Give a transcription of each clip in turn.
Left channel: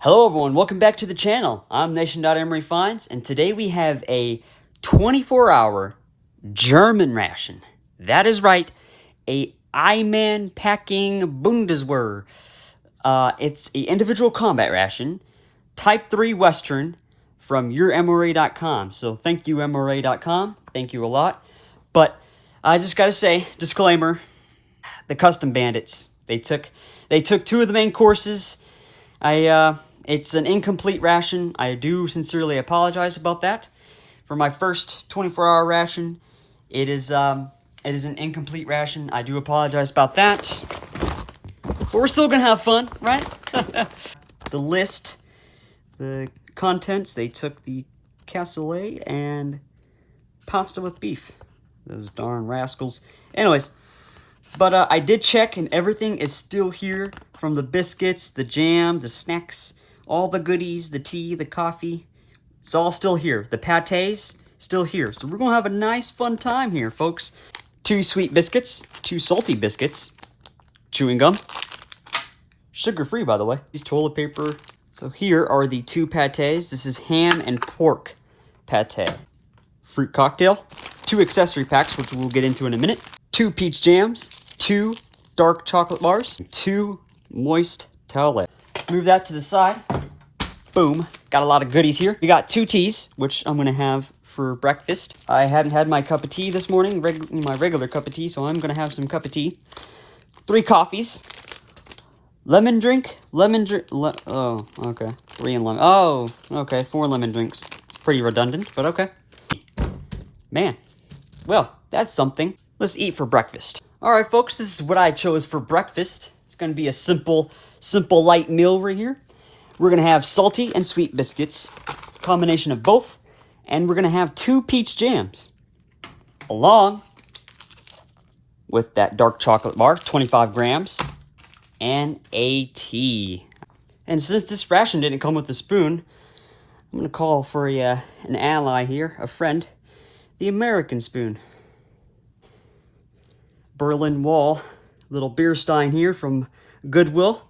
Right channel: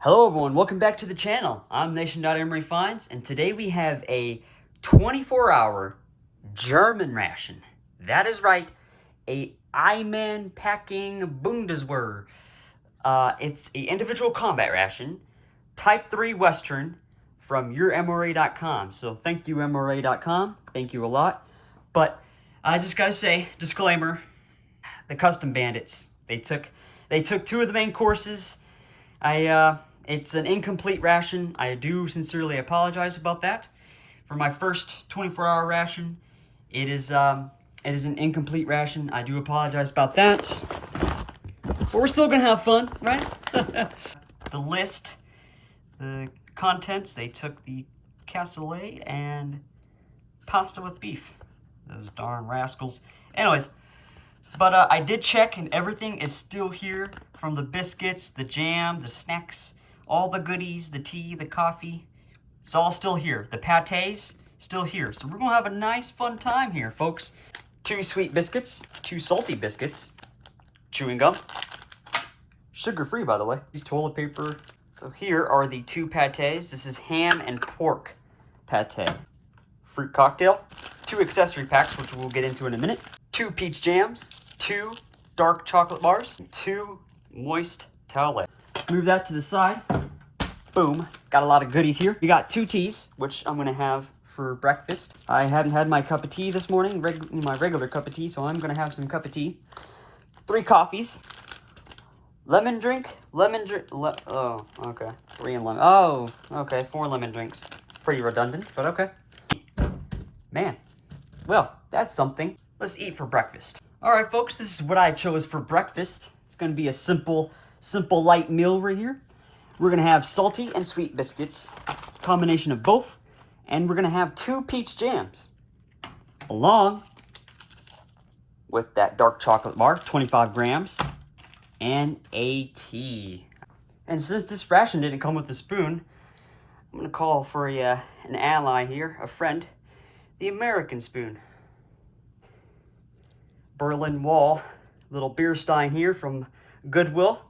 Hello everyone, welcome back to the channel. I'm Nation.MREfinds, and today we have a 24-hour German ration. That is right, a Eiman packing Bundeswehr. It's an individual combat ration, Type 3 Western from yourmra.com. So thank you mra.com, thank you a lot. But I just gotta say, disclaimer, the custom bandits, they took two of the main courses. It's an incomplete ration. I do sincerely apologize about that. For my first 24-hour ration, it is an incomplete ration. I do apologize about that. But we're still gonna have fun, right? The list, the contents, they took the cassoulet and pasta with beef. Those darn rascals. Anyways, but I did check, and everything is still here, from the biscuits, the jam, the snacks, all the goodies, the tea, the coffee. It's all still here. The pâtés, still here. So we're going to have a nice, fun time here, folks. 2 sweet biscuits, 2 salty biscuits, chewing gum. Sugar-free, by the way. Use toilet paper. So here are the 2 pâtés. This is ham and pork pâté. Fruit cocktail. 2 accessory packs, which we'll get into in a minute. 2 peach jams, 2 dark chocolate bars, 2 moist towelettes. Move that to the side. Boom. Got a lot of goodies here. We got 2 teas, which I'm going to have for breakfast. I hadn't had my cup of tea this morning, my regular cup of tea, so I'm going to have some cup of tea. 3 coffees. Lemon drink. Oh, okay. 3 and lemon. Oh, okay. 4 lemon drinks. It's pretty redundant, but okay. Man. Well, that's something. Let's eat for breakfast. Alright folks, this is what I chose for breakfast. It's gonna be a simple light meal right here. We're gonna have salty and sweet biscuits, combination of both, and we're gonna have 2 peach jams, along with that dark chocolate bar, 25 grams, and a tea. And since this ration didn't come with a spoon, I'm gonna call for an ally here, a friend, the American spoon. Berlin Wall, little beer stein here from Goodwill.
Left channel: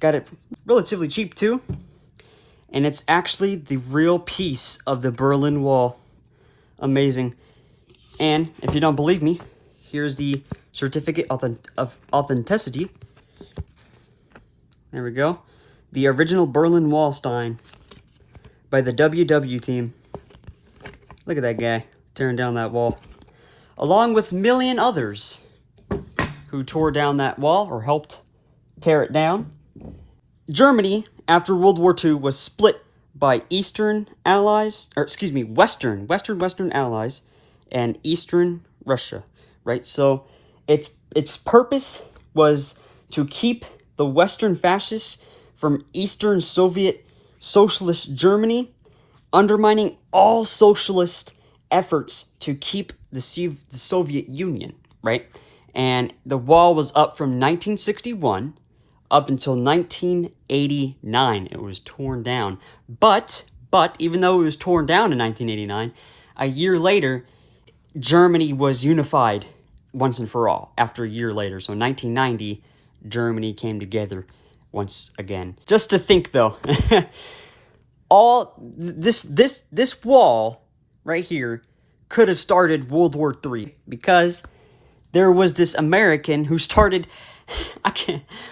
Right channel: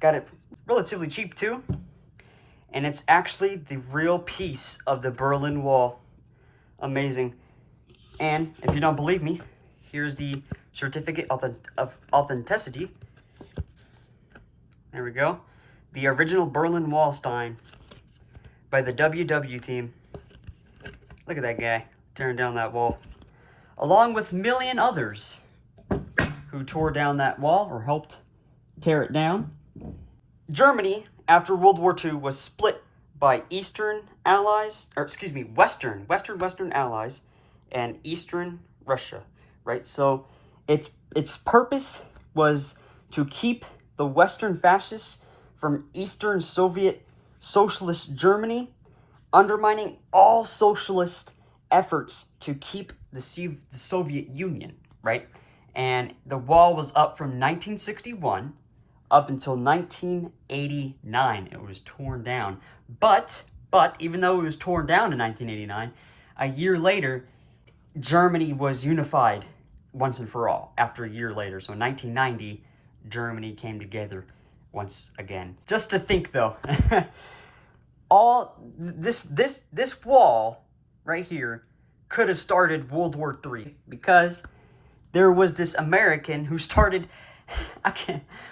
Got it relatively cheap too. And it's actually the real piece of the Berlin Wall. Amazing. And if you don't believe me, here's the certificate of authenticity. There we go. The original Berlin Wall stein by the WW team. Look at that guy tearing down that wall. Along with a million others who tore down that wall or helped tear it down. Germany, after World War II, was split by Western Allies and Eastern Russia, right? So its purpose was to keep the Western fascists from Eastern Soviet Socialist Germany, undermining all socialist efforts to keep the Soviet Union, right? And the wall was up from 1961 up until 1989. It was torn down. But even though it was torn down in 1989, a year later, Germany was unified once and for all after a year later. So in 1990, Germany came together once again. Just to think though, all this wall right here could have started World War III, because there was this American who started,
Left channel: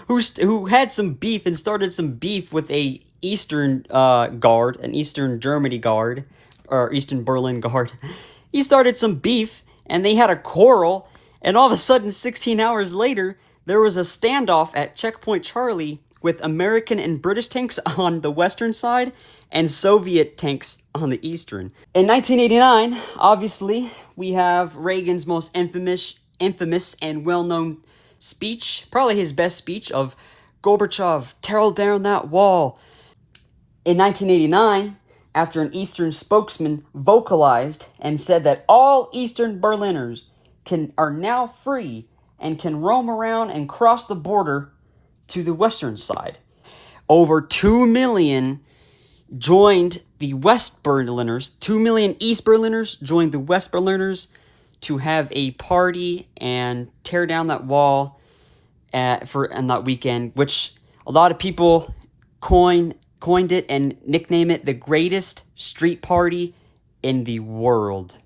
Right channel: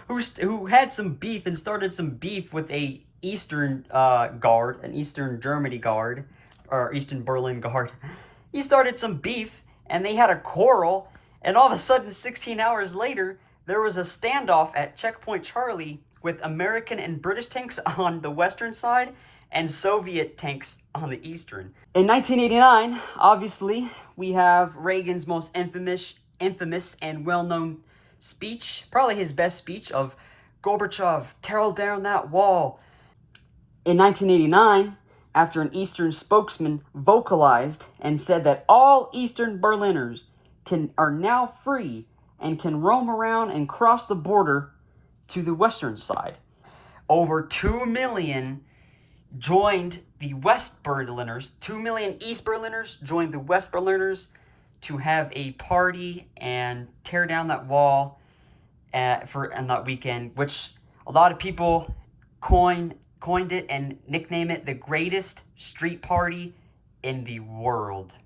who had some beef and started some beef with a Eastern guard, an Eastern Germany guard, or Eastern Berlin guard. He started some beef, and they had a quarrel, and all of a sudden, 16 hours later, there was a standoff at Checkpoint Charlie with American and British tanks on the western side and Soviet tanks on the eastern. In 1989, obviously, we have Reagan's most infamous and well-known speech, probably his best speech, of Gorbachev, tear down that wall. In 1989, after an Eastern spokesman vocalized and said that all Eastern Berliners are now free and can roam around and cross the border to the western side. Over 2 million joined the West Berliners. 2 million East Berliners joined the West Berliners to have a party and tear down that wall on that weekend, which a lot of people coined it and nicknamed it the greatest street party in the world.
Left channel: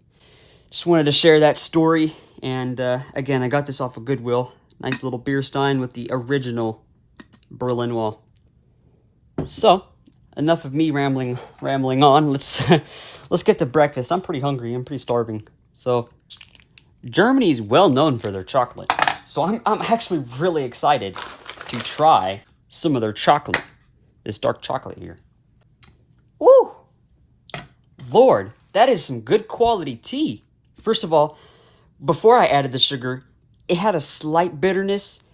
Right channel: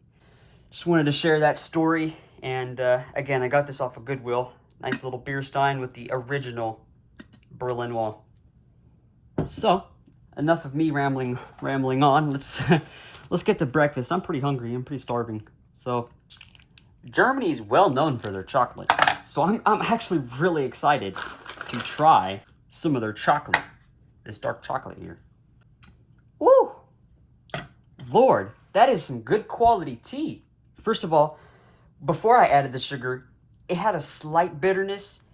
Just wanted to share that story. And again, I got this off of Goodwill. Nice little beer stein with the original Berlin Wall. So, enough of me rambling on. Let's get to breakfast. I'm pretty hungry. I'm pretty starving. So, Germany is well known for their chocolate. So I'm actually really excited to try some of their chocolate. This dark chocolate here. Ooh! Lord, that is some good quality tea. First of all, before I added the sugar, it had a slight bitterness,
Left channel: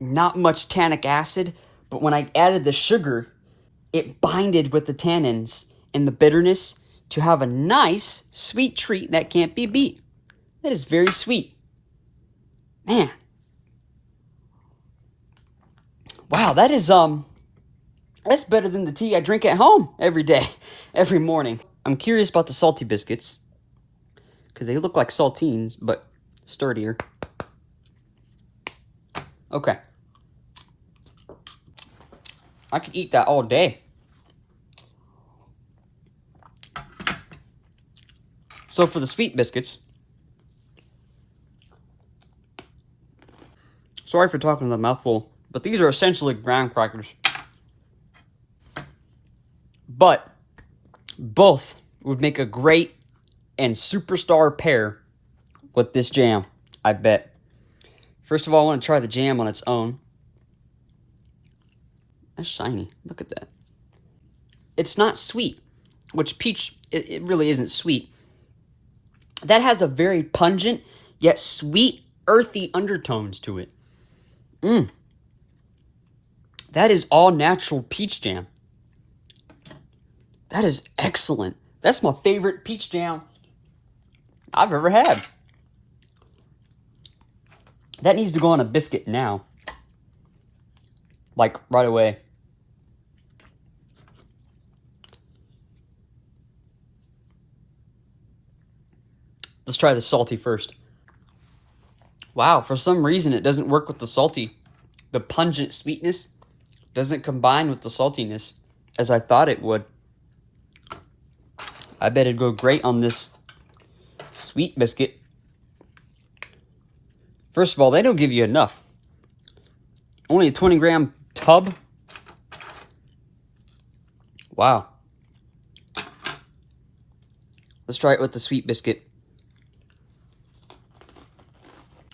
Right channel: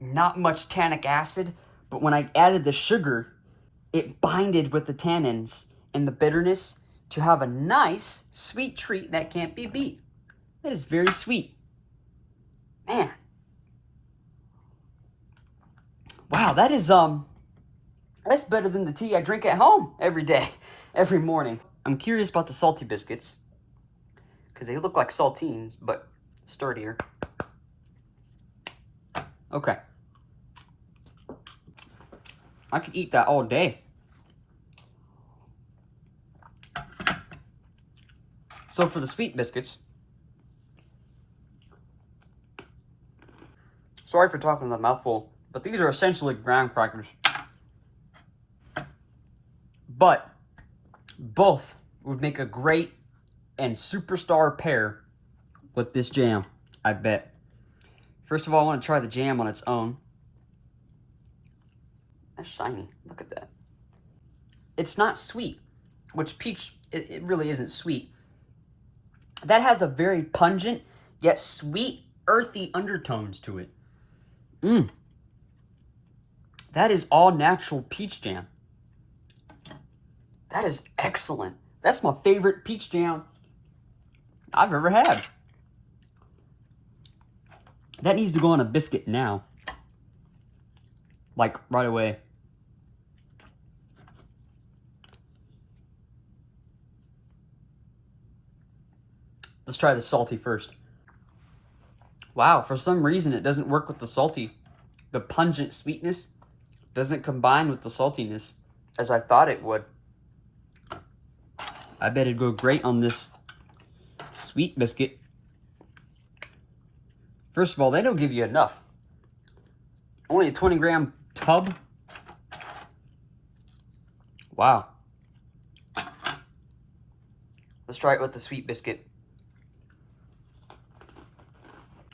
not much tannic acid, but when I added the sugar, it binded with the tannins and the bitterness to have a nice sweet treat that can't be beat. That is very sweet. Man. Wow, that is that's better than the tea I drink at home every day, every morning. I'm curious about the salty biscuits because they look like saltines, but sturdier. Okay. I could eat that all day. So for the sweet biscuits, sorry for talking with a mouthful, but these are essentially graham crackers. But both would make a great and superstar pair with this jam, I bet. First of all, I want to try the jam on its own. That's shiny. Look at that. It's not sweet, which peach, it really isn't sweet. That has a very pungent, yet sweet, earthy undertones to it. That is all natural peach jam. That is excellent. That's my favorite peach jam I've ever had. That needs to go on a biscuit now. Like, right away. Let's try the salty first. Wow, for some reason it doesn't work with the salty. The pungent sweetness doesn't combine with the saltiness as I thought it would. I bet it'd go great on this sweet biscuit. First of all, they don't give you enough. Only a 20-gram tub. Wow. Let's try it with the sweet biscuit.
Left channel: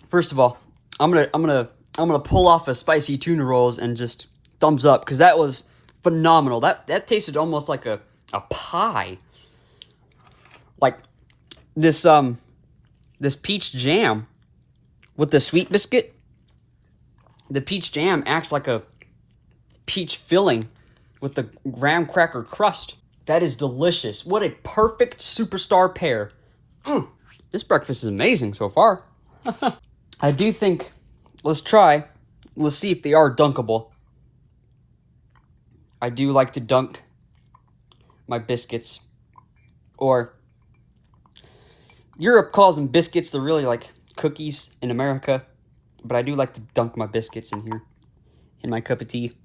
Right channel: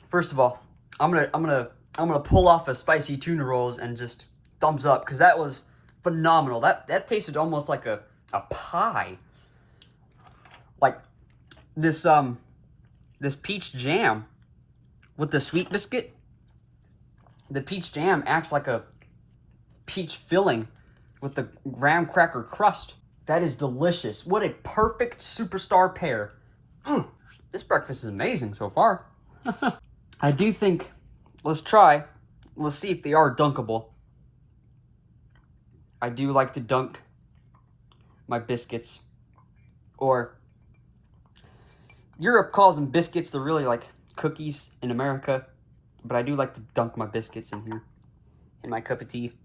First of all, I'm gonna pull off a spicy tuna rolls and just thumbs up because that was phenomenal. That tasted almost like a pie. Like this this peach jam with the sweet biscuit. The peach jam acts like a peach filling with the graham cracker crust. That is delicious. What a perfect superstar pair. This breakfast is amazing so far. I do think, let's see if they are dunkable. I do like to dunk my biscuits. Or, Europe calls them biscuits, they're really like cookies in America. But I do like to dunk my biscuits in here, in my cup of tea.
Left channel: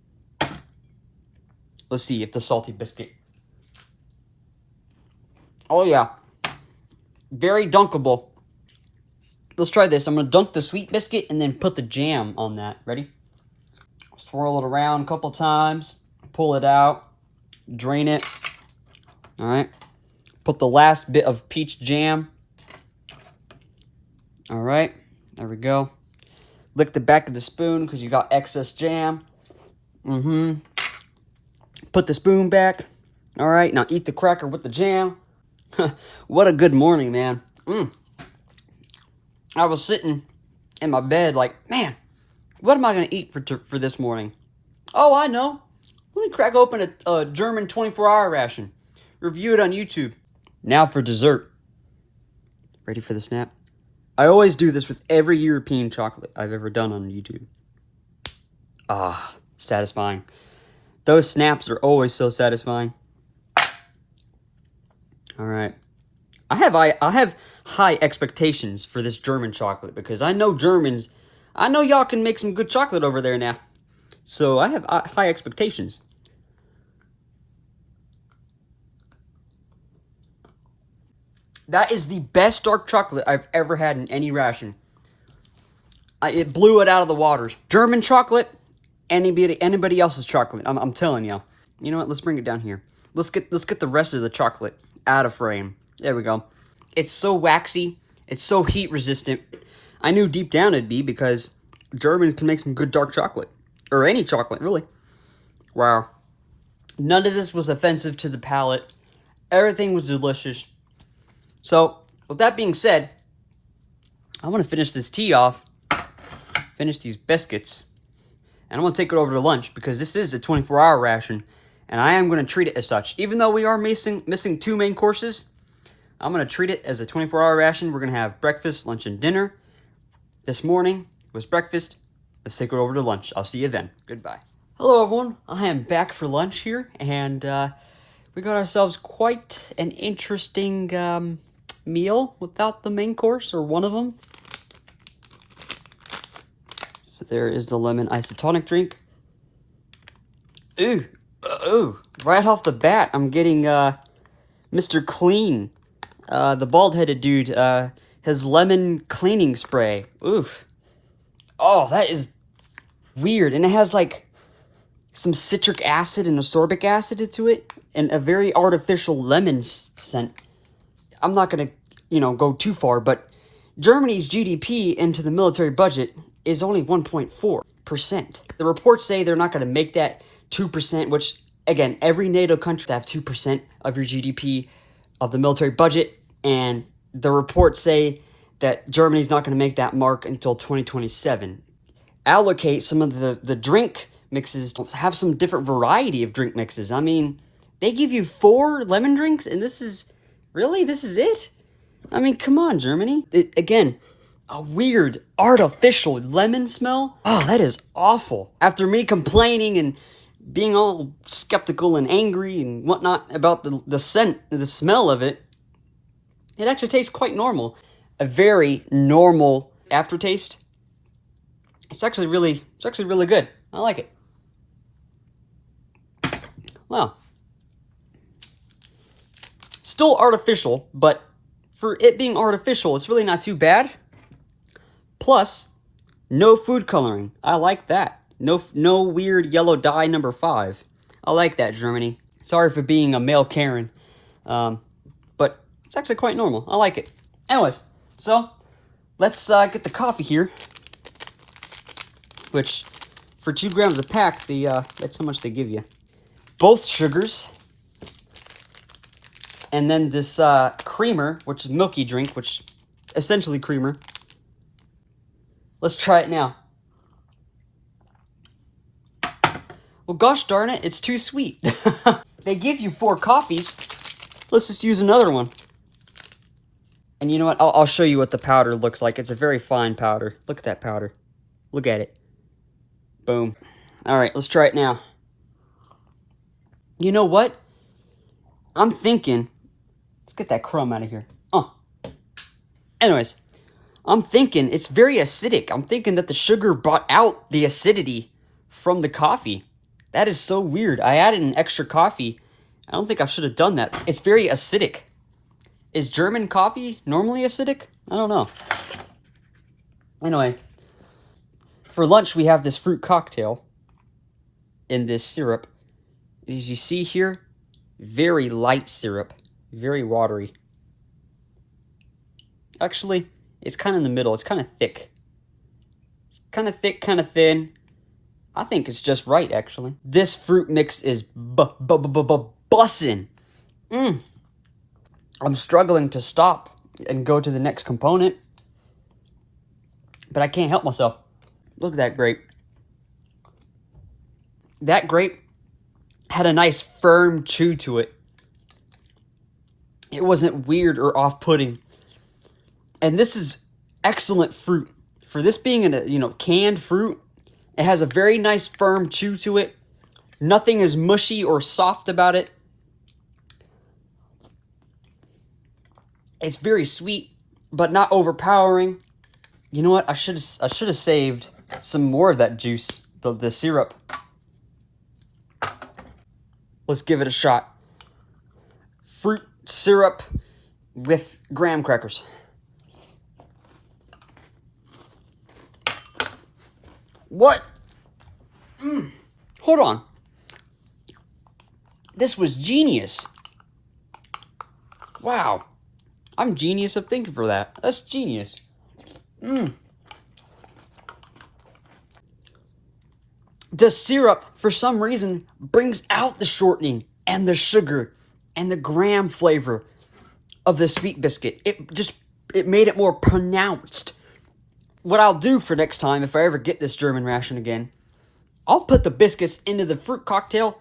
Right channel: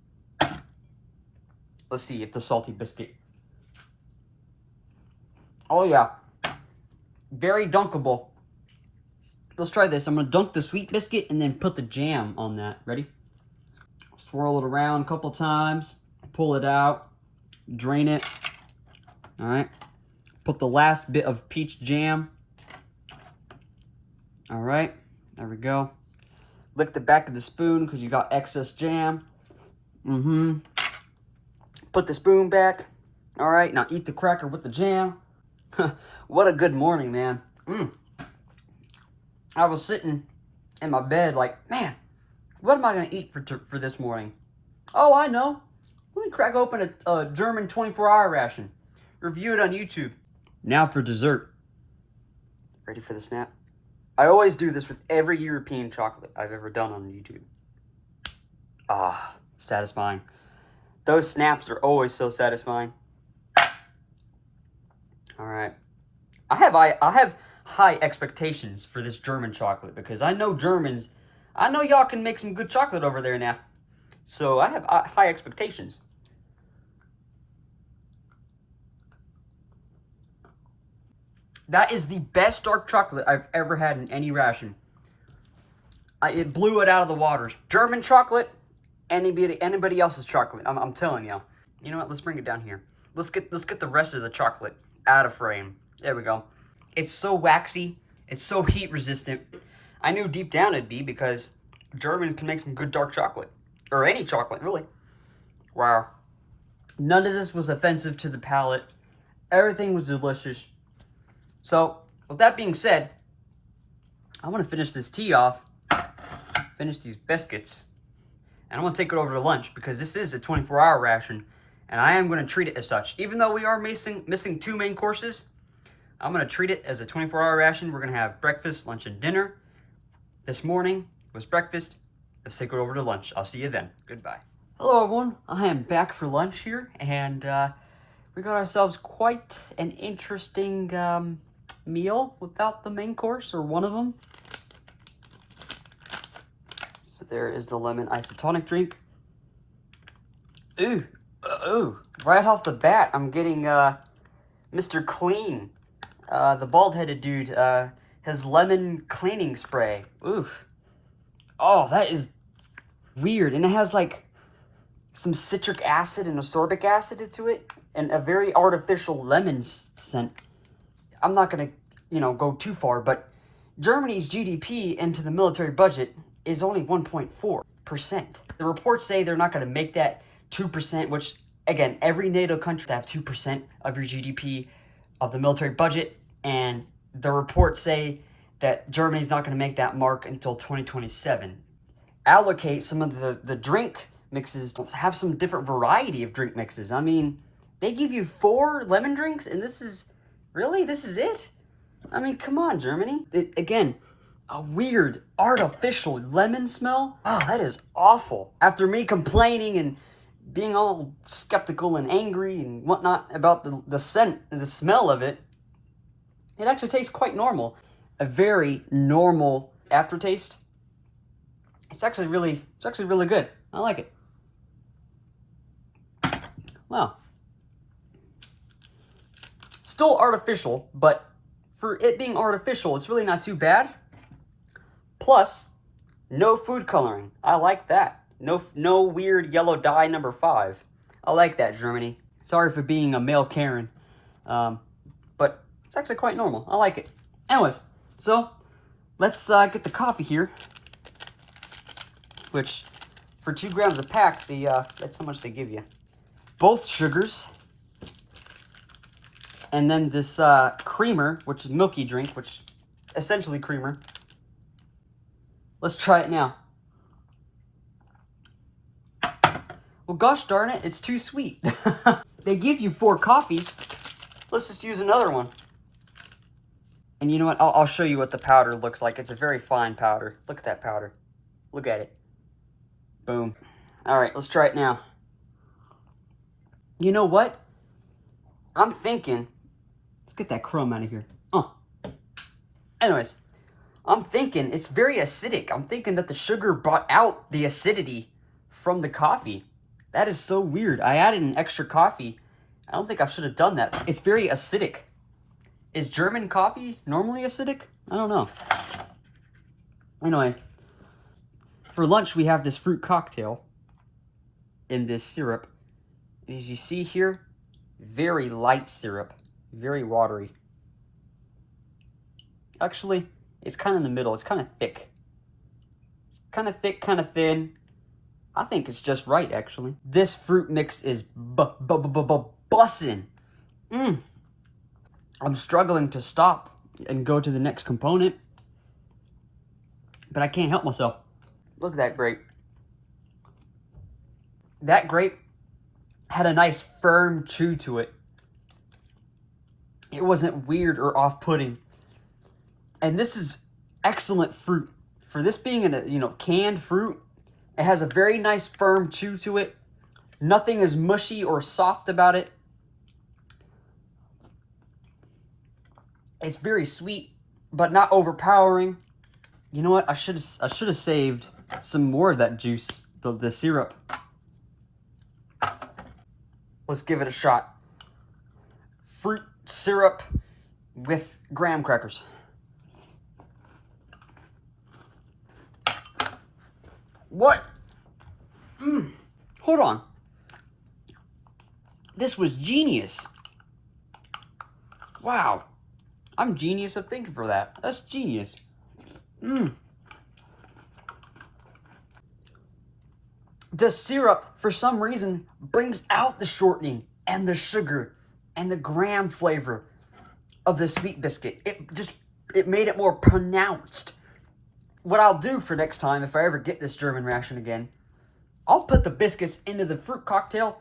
Let's see if the salty biscuit. Oh yeah, very dunkable. Let's try this. I'm gonna dunk the sweet biscuit and then put the jam on that. Ready? Swirl it around a couple times, pull it out, drain it. All right, put the last bit of peach jam. All right, there we go. Lick the back of the spoon because you got excess jam. Put the spoon back. All right, now eat the cracker with the jam. What a good morning, man. I was sitting in my bed like, man, what am I going to eat for this morning? Oh, I know. Let me crack open a German 24-hour ration. Review it on YouTube. Now for dessert. Ready for the snap? I always do this with every European chocolate I've ever done on YouTube. Ah, satisfying. Those snaps are always so satisfying. All right. I have high expectations for this German chocolate because I know Germans, I know y'all can make some good chocolate over there now. So I have high expectations. That is the best dark chocolate I've ever had in any ration. It blew it out of the waters. German chocolate, anybody else's chocolate. I'm telling you. You know what? Let's bring it down here. Let's get the rest of the chocolate out of frame. There we go. It's so waxy. It's so heat resistant. I knew deep down it'd be because Germans can make some good dark chocolate. Or any chocolate, really. Wow. None of this was offensive to the palate. Everything was delicious. So, with that being said, I want to finish this tea off. Finish these biscuits. And I'm going to take it over to lunch because this is a 24-hour ration. And I am going to treat it as such. Even though we are missing 2 main courses, I'm going to treat it as a 24-hour ration. We're going to have breakfast, lunch, and dinner. This morning was breakfast. Let's take it over to lunch. I'll see you then. Goodbye. Hello, everyone. I am back for lunch here. And we got ourselves quite an interesting meal without the main course, or one of them. So there is the lemon isotonic drink. Ooh, right off the bat, I'm getting Mr. Clean, the bald-headed dude, his lemon cleaning spray. Oof. Oh, that is weird. And it has like some citric acid and ascorbic acid to it, and a very artificial lemon scent. I'm not gonna, go too far, but Germany's GDP into the military budget is only 1.4%. The reports say they're not gonna make that 2%, which, again, every NATO country have 2% of your GDP of the military budget, and the reports say that Germany's not going to make that mark until 2027. Allocate some of the drink mixes, have some different variety of drink mixes. I mean, they give you 4 lemon drinks, and this is it? I mean, come on, Germany. Again, a weird, artificial lemon smell. Oh, that is awful. After me complaining and being all skeptical and angry and whatnot about the scent, the smell of it, it actually tastes quite normal. A very normal aftertaste. It's actually really good. I like it. Well, still artificial, but for it being artificial, it's really not too bad. Plus, no food coloring. I like that. No weird yellow dye number 5. I like that, Germany. Sorry for being a male Karen, but it's actually quite normal. I like it. Anyways, so let's get the coffee here, which for 2 grams a pack, that's how much they give you. Both sugars, and then this creamer, which is milky drink, which essentially creamer. Let's try it now. Well, gosh darn it, it's too sweet. They give you 4 coffees. Let's just use another one. And you know what? I'll show you what the powder looks like. It's a very fine powder. Look at that powder. Look at it. Boom. All right, let's try it now. You know what? I'm thinking... Let's get that crumb out of here. Oh. Anyways, I'm thinking it's very acidic. I'm thinking that the sugar brought out the acidity from the coffee. That is so weird. I added an extra coffee. I don't think I should have done that. It's very acidic. Is German coffee normally acidic? I don't know. Anyway, for lunch we have this fruit cocktail in this syrup. As you see here, very light syrup, very watery. Actually, it's kind of in the middle. It's kind of thick. It's kind of thick, kind of thin. I think it's just right, actually. This fruit mix is bussin'. I'm struggling to stop and go to the next component, but I can't help myself. Look at that grape. That grape had a nice firm chew to it. It wasn't weird or off-putting. And this is excellent fruit. For this being a canned fruit, it has a very nice firm chew to it. Nothing is mushy or soft about it. It's very sweet, but not overpowering. You know what? I should have saved some more of that juice, the syrup. Let's give it a shot. Fruit syrup, with graham crackers. What? Hold on. This was genius. Wow. I'm genius of thinking for that. That's genius. The syrup, for some reason, brings out the shortening and the sugar and the graham flavor of the sweet biscuit. It made it more pronounced. What I'll do for next time, if I ever get this German ration again, I'll put the biscuits into the fruit cocktail,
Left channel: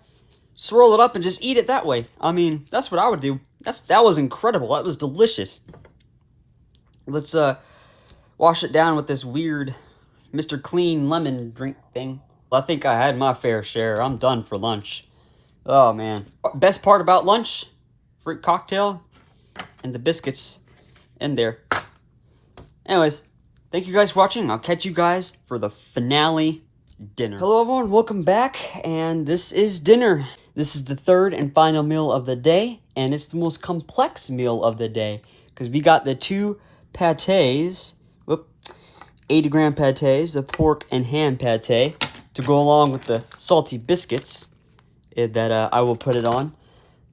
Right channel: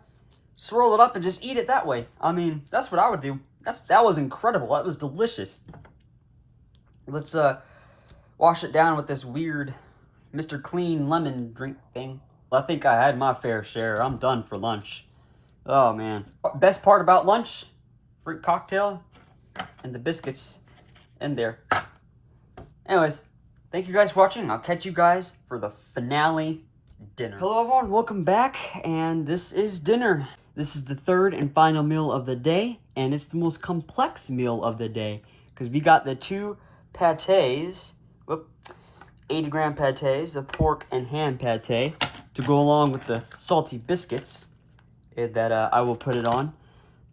swirl it up, and just eat it that way. I mean, that's what I would do. That was incredible. That was delicious. Let's wash it down with this weird Mr. Clean lemon drink thing. Well, I think I had my fair share. I'm done for lunch. Oh, man. Best part about lunch, fruit cocktail, and the biscuits in there. Anyways, thank you guys for watching. I'll catch you guys for the finale dinner. Hello, everyone. Welcome back, and this is dinner. This is the third and final meal of the day, and it's the most complex meal of the day because we got the two patés, 80-gram patés, the pork and ham pate, to go along with the salty biscuits that I will put it on.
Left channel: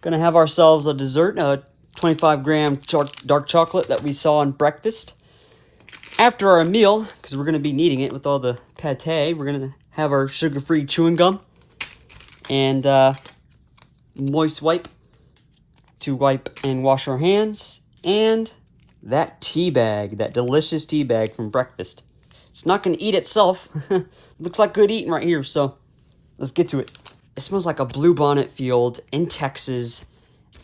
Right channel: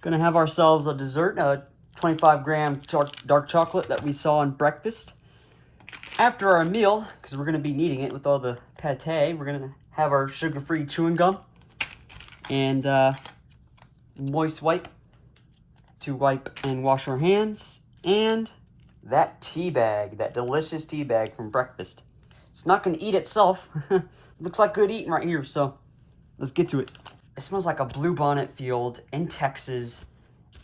Gonna have ourselves a dessert, a 25-gram dark chocolate that we saw on breakfast. After our meal, because we're gonna be needing it with all the pate, we're gonna have our sugar-free chewing gum and moist wipe to wipe and wash our hands, and that tea bag, that delicious tea bag from breakfast. It's not gonna eat itself. Looks like good eating right here, so let's get to it. It smells like a bluebonnet field in Texas,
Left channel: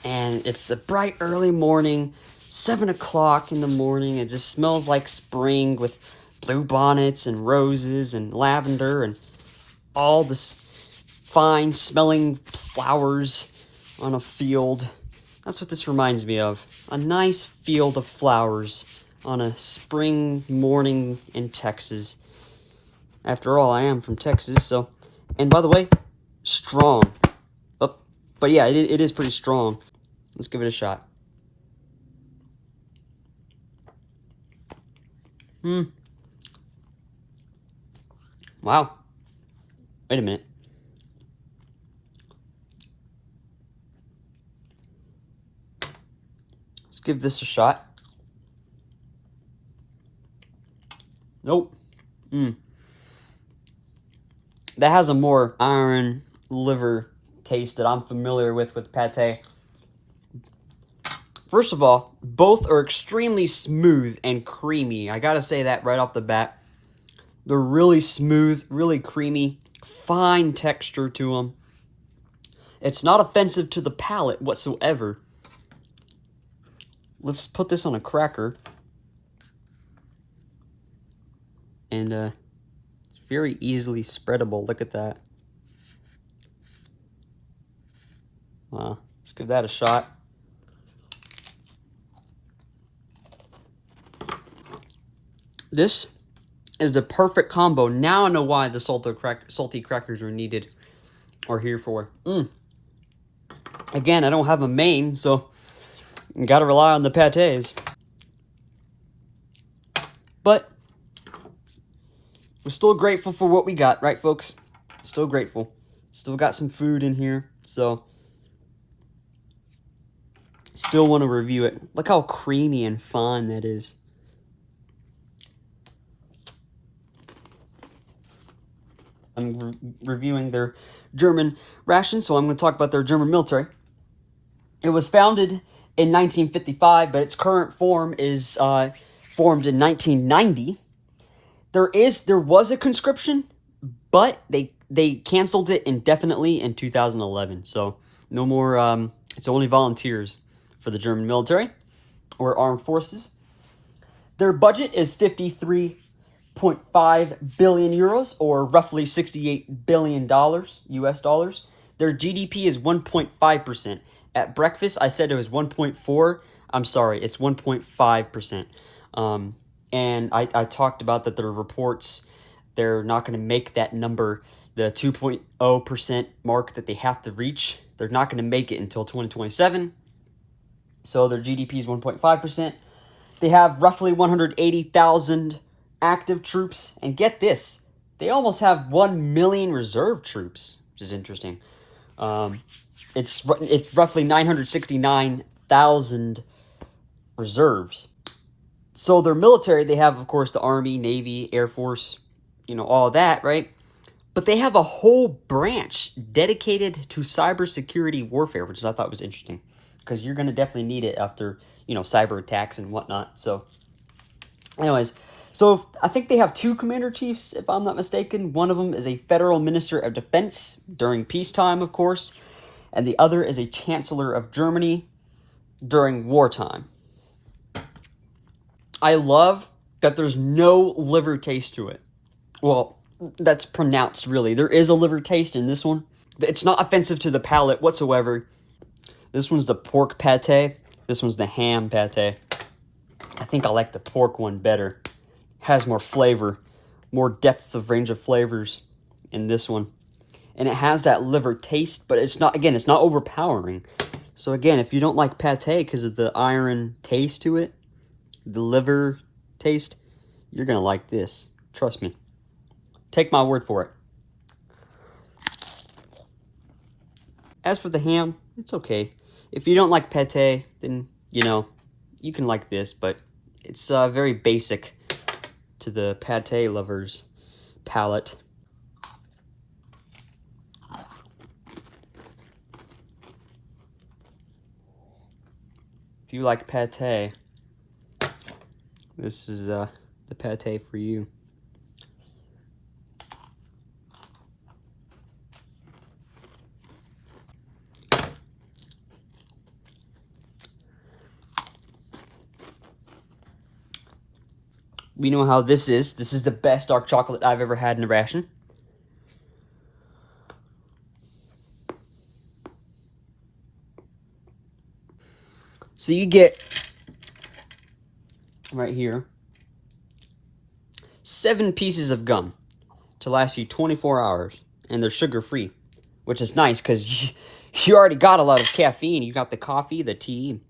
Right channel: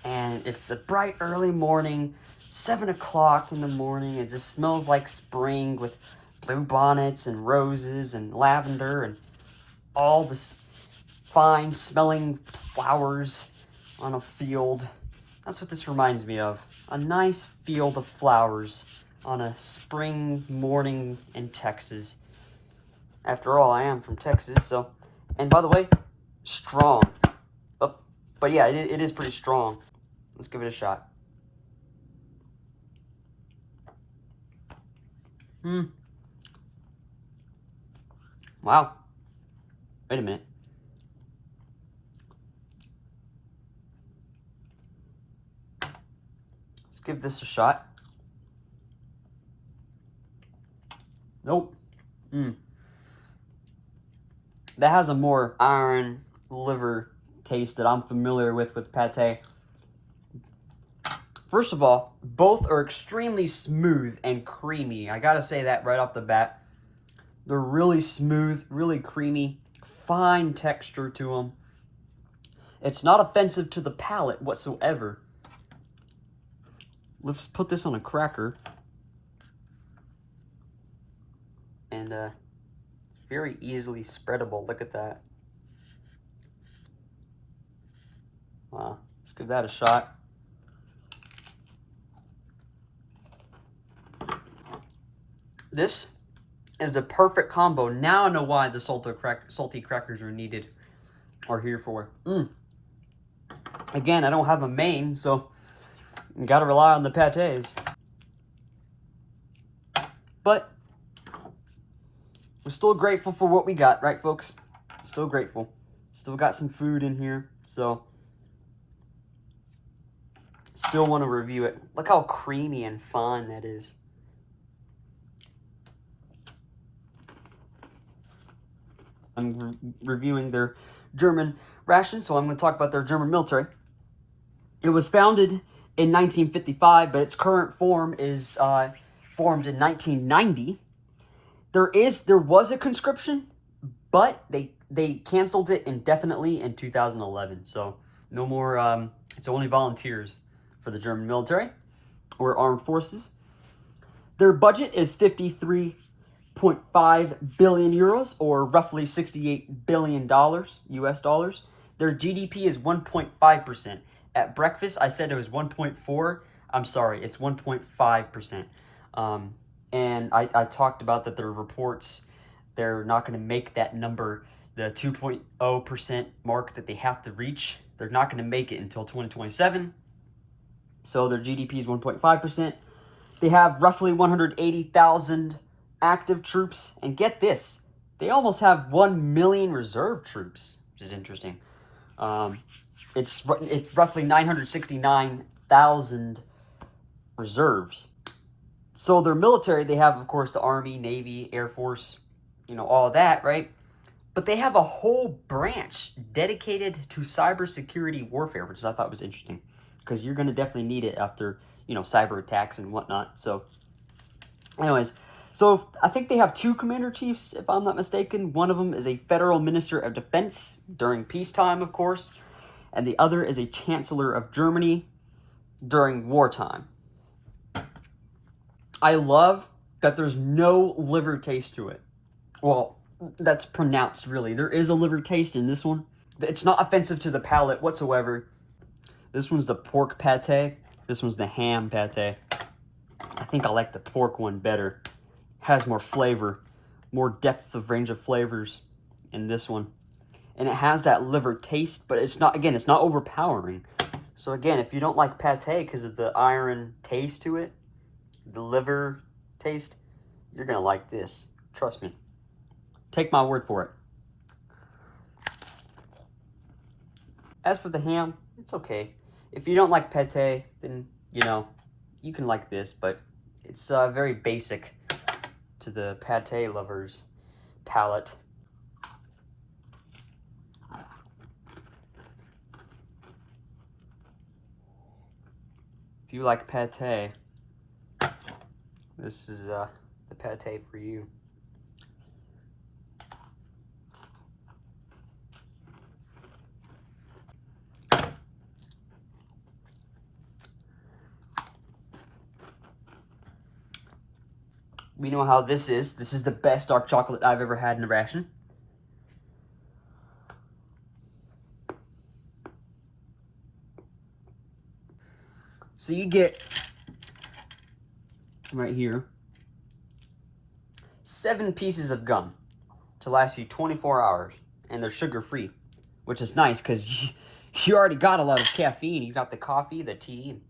and it's a bright early morning, 7 o'clock in the morning. It just smells like spring with bluebonnets and roses and lavender and all this fine smelling flowers on a field. That's what this reminds me of. A nice field of flowers on a spring morning in Texas. After all, I am from Texas, so. And by the way, strong. Oh, but yeah, it is pretty strong. Let's give it a shot. Wow. Wait a minute. Let's give this a shot. Nope. That has a more iron liver taste that I'm familiar with pate. First of all, both are extremely smooth and creamy. I gotta say that right off the bat. They're really smooth, really creamy, fine texture to them. It's not offensive to the palate whatsoever. Let's put this on a cracker. And it's very easily spreadable. Look at that. Well, let's give that a shot. This is the perfect combo. Now I know why the salty crackers are needed or here for. Again, I don't have a main, so you gotta rely on the patés. But we're still grateful for what we got, right, folks? Still grateful. Still got some food in here, so still want to review it. Look how creamy and fine that is. I'm reviewing their German ration, so I'm going to talk about their German military. It was founded in 1955, but its current form is formed in 1990. There was a conscription, but they canceled it indefinitely in 2011. So no more. It's only volunteers for the German military or armed forces. Their budget is 53.5 billion euros, or roughly $68 billion US dollars. Their GDP is 1.5%. At breakfast, I said it was 1.4. I'm sorry, it's 1.5%. And I talked about that their reports, they're not going to make that number, the 2.0% mark that they have to reach. They're not going to make it until 2027. So their GDP is 1.5%. They have roughly 180,000 active troops. And get this, they almost have 1 million reserve troops, which is interesting. It's roughly 969,000 reserves. So their military, they have, of course, the Army, Navy, Air Force, you know, all that, right? But they have a whole branch dedicated to cybersecurity warfare, which I thought was interesting, because you're going to definitely need it after, you know, cyber attacks and whatnot. So anyways, so I think they have 2 commander-chiefs, if I'm not mistaken. One of them is a federal minister of defense during peacetime, of course, and the other is a chancellor of Germany during wartime. I love that there's no liver taste to it. Well, that's pronounced, really. There is a liver taste in this one. It's not offensive to the palate whatsoever. This one's the pork pate. This one's the ham pate. I think I like the pork one better. Has more flavor, more depth of range of flavors in this one. And it has that liver taste, but it's not, again, it's not overpowering. So again, if you don't like pate because of the iron taste to it, the liver taste, you're gonna like this. Trust me. Take my word for it. As for the ham, it's okay. If you don't like pate, then, you know, you can like this, but it's very basic to the pate lovers' palate. If you like pate, this is the pate for you. We know how this is. This is the best dark chocolate I've ever had in a ration. So you get, right here, 7 pieces of gum to last you 24 hours. And they're sugar-free, which is nice because you already got a lot of caffeine. You got the coffee, the tea.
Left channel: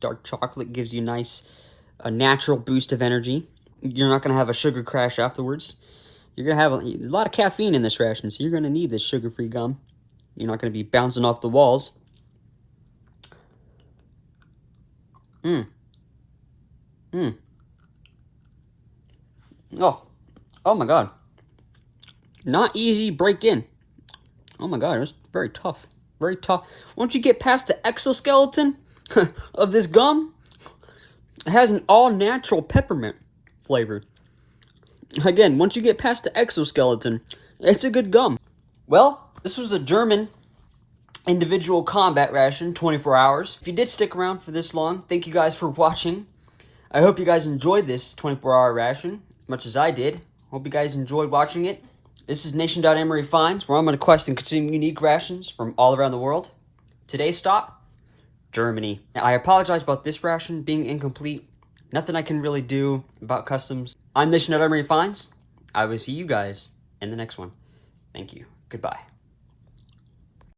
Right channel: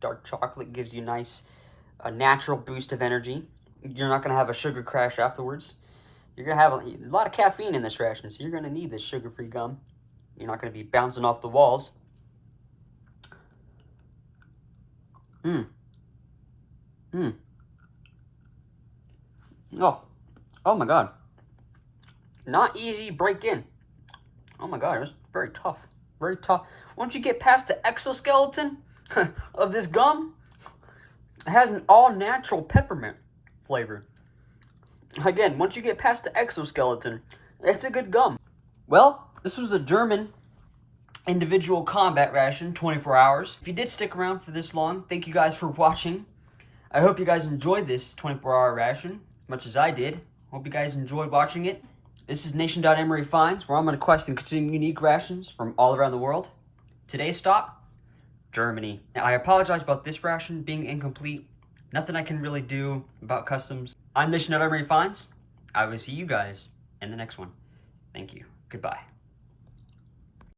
Dark chocolate gives you a natural boost of energy. You're not going to have a sugar crash afterwards. You're going to have a lot of caffeine in this ration, so you're going to need this sugar-free gum. You're not going to be bouncing off the walls. Oh my God. Not easy break in. Oh my God, it's very tough. Very tough. Once you get past the exoskeleton of this gum, it has an all-natural peppermint flavor. Again, once you get past the exoskeleton, it's a good gum. Well, this was a German individual combat ration, 24 hours. If you did stick around for this long, thank you guys for watching. I hope you guys enjoyed this 24-hour ration as much as I did. Hope you guys enjoyed watching it. This is Nation.MREfinds, where I'm going to quest and consume unique rations from all around the world. Today's stop, Germany. Now, I apologize about this ration being incomplete. Nothing I can really do about customs. I'm Nation.MREfinds. I will see you guys in the next one. Thank you. Goodbye.